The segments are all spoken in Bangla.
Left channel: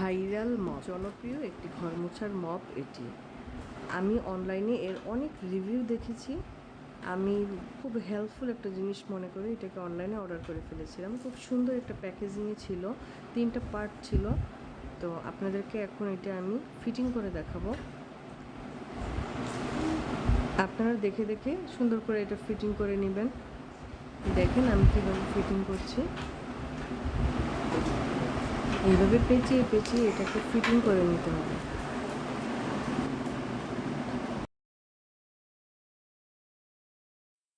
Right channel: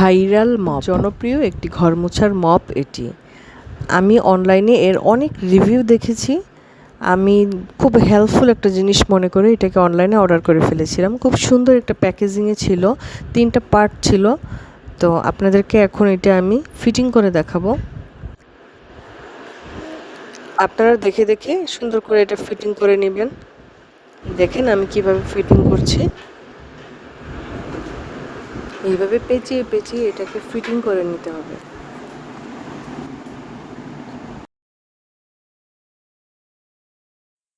ভাইরাল মপ জনপ্রিয় একটি ঘর মোছার মপ এটি। আমি অনলাইনে এর অনেক রিভিউ দেখেছি। আমি খুব হেল্পফুল একটা জিনিস মনে করে এটাকে অনলাইনে অর্ডার করে ফেলেছিলাম। খুব সুন্দর একটা প্যাকেজিংয়ে ছিল, তিনটা পার্ট ছিল। তো আপনাদেরকে এখন এটা আমি ফিটিং করে দেখাবো। আপনারা দেখে দেখে সুন্দর করে এটা ফিটিং করে নেবেন। দেখেন আমি কীভাবে ফিটিং করছি। এইভাবে পেঁচিয়ে পেঁচিয়ে এটাকে ফিটিং করে নিতে হবে।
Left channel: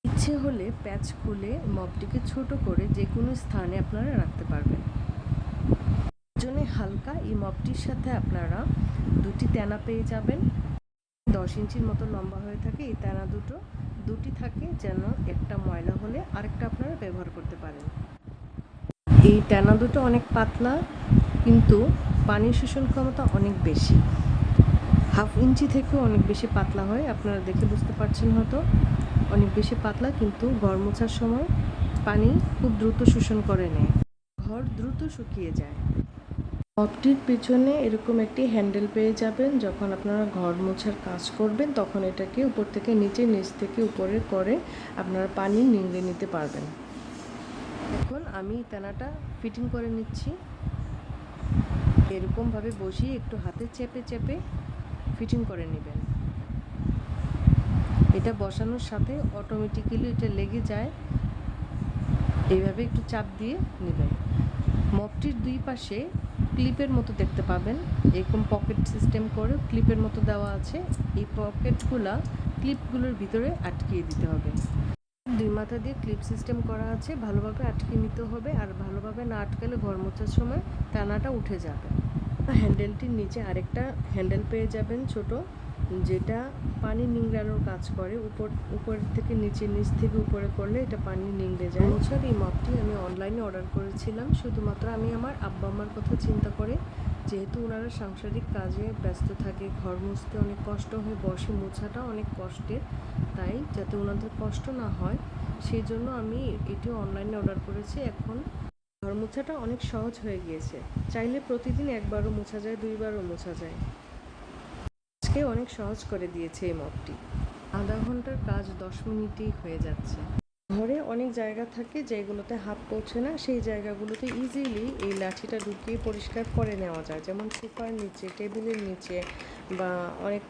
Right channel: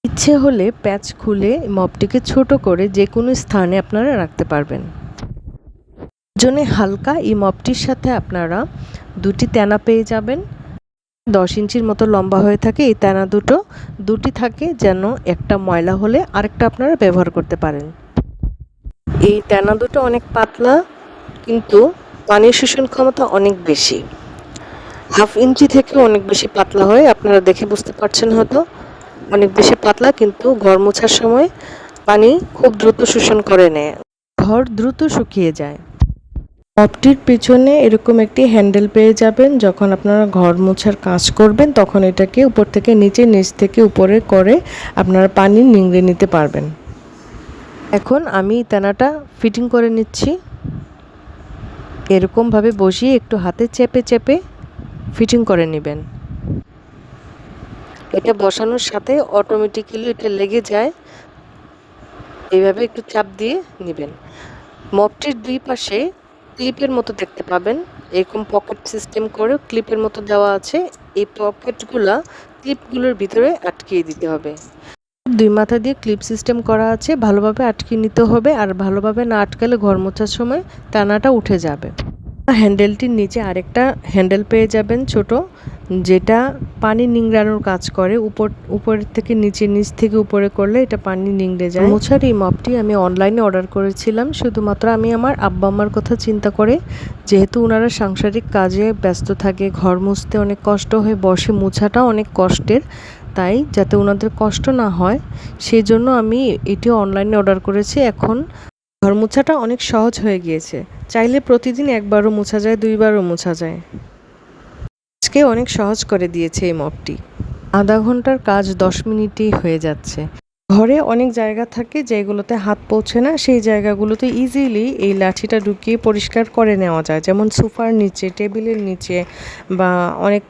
ইচ্ছে হলে প্যাচ খুলে মপটিকে ছোট করে যে কোনো স্থানে আপনারা রাখতে পারবেন। জন্য হালকা এই মপটির সাথে আপনারা দুটি তেনা পেয়ে যাবেন। দশ ইঞ্চির মতো লম্বা হয়ে থাকে এই তেনা দুটো। দুটি থাকে যেন একটা ময়লা হলে আরেকটা আপনারা ব্যবহার করতে পারেন। এই তেনা দুটো অনেক পাতলা। কিন্তু পানির শোষণ ক্ষমতা অনেক বেশি। হাফ ইঞ্চি থেকে অনেক বেশি পাতলা হয়, আপনারা দেখে বুঝতে পারছেন হয়তো। অনেক বেশি পাতলা কিন্তু ঘর মোছার সময় পানি খুব দ্রুত শোষণ করে নেয়। ঘর দ্রুত শুকিয়ে যায়। মপটির পেছনে এরকম একটি হ্যান্ডেল পেয়ে যাবেন, যখন আপনারা ঘর মোছার কাজ করবেন, তখন এটাকে উপর থেকে নিচে, নিচ থেকে উপরে করে আপনারা পানি নিংড়ে নিতে পারবেন। এখন আমি তেনাটা ফিটিং করে নিচ্ছি। এরকমভাবে বসিয়ে একটু হাতে চেপে চেপে ফিটিং করে নেবেন। এটা বসানোর সাথে অটোমেটিক্যালি এটা লেগে যায়। এইভাবে একটু চাপ দিয়ে নেবেন। মপটির দুই পাশে ক্লিপের মতো দেখতে পাবেন। এরকম পকেট সিস্টেম করে ক্লিপের মতো দেওয়া আছে। এই পকেটগুলা ক্লিপগুলোর ভিতরে আটকিয়ে দিতে হবে। দুই মাথা দিয়ে ক্লিপ সিস্টেম করা আছে, ভালোভাবে আটকে নিতে হবে আর ভালোভাবে না আটকালে ঘর মোছার সময় টানাটা উঠে যাবে। হ্যান্ডেলটির নিচে আরেকটা হ্যান্ডেল পেয়ে যাবেন ছোট। যেটা পানি নিংড়ানোর কাজ করে, উপর উপরের থেকে নিচে, নিচ থেকে উপরে করলে এটা পানি নিংড়ে যায়। মোছার এই মপটি আমি অনলাইনে অর্ডার করেছিলাম। শুধুমাত্র আমি আমার আব্বা আম্মার কথা চিন্তা করে, যেহেতু ওনারা সাংসারিক কাজে ব্যস্ত থাকে, ঘর মুছতে অনেক কষ্ট হয়ে বসে, মোছাটা অনেক কষ্টের। তাই যাতে ওনাদের কষ্ট না হয় সেই জন্য আমি এটি অনলাইনে অর্ডার করেছি। এখন ঘর মোছাটা অনেক সহজ হয়ে গিয়েছে। চাইলে প্রতিদিন একবারও মোছা যায়, দুইবারও মোছা যায়। আজকে অনেক সহজ করে দিয়েছে এই মপটি। আধা ঘণ্টার কাজ দশ মিনিটেই হয়ে যাচ্ছে। ঘরে অনেক জায়গা থাকে যেগুলোতে হাত পৌঁছে না, সেই জায়গাগুলোতে ইজিলি এই লাঠিটা ঢুকিয়ে পরিষ্কার করে নেওয়া যায়। যেমন সোফার নিচে, টেবিলের নিচে বা অনেক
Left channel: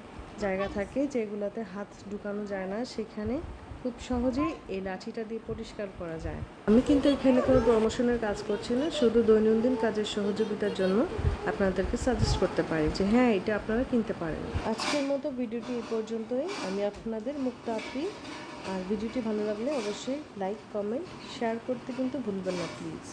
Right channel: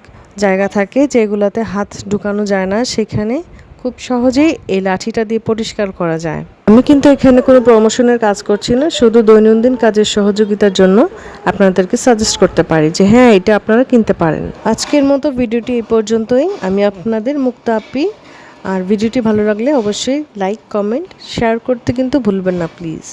জায়গা থাকে যেগুলোতে হাত ঢুকানো যায় না, সেখানে খুব সহজেই এই লাঠিটা দিয়ে পরিষ্কার করা যায়। আমি কিন্তু এখানে কোনো প্রমোশনের কাজ করছি না, শুধু দৈনন্দিন কাজের সহযোগিতার জন্য আপনাদেরকে সাজেস্ট করতে পারি যে হ্যাঁ এটা আপনারা কিনতে পারেন। আজকের মতো ভিডিওটি এই পর্যন্তই। আমি আপনাদের মুক্ত আপি। আর ভিডিওটি ভালো লাগলে অবশ্যই লাইক কমেন্ট শেয়ার করতে কিন্তু ভুলবেন না প্লিজ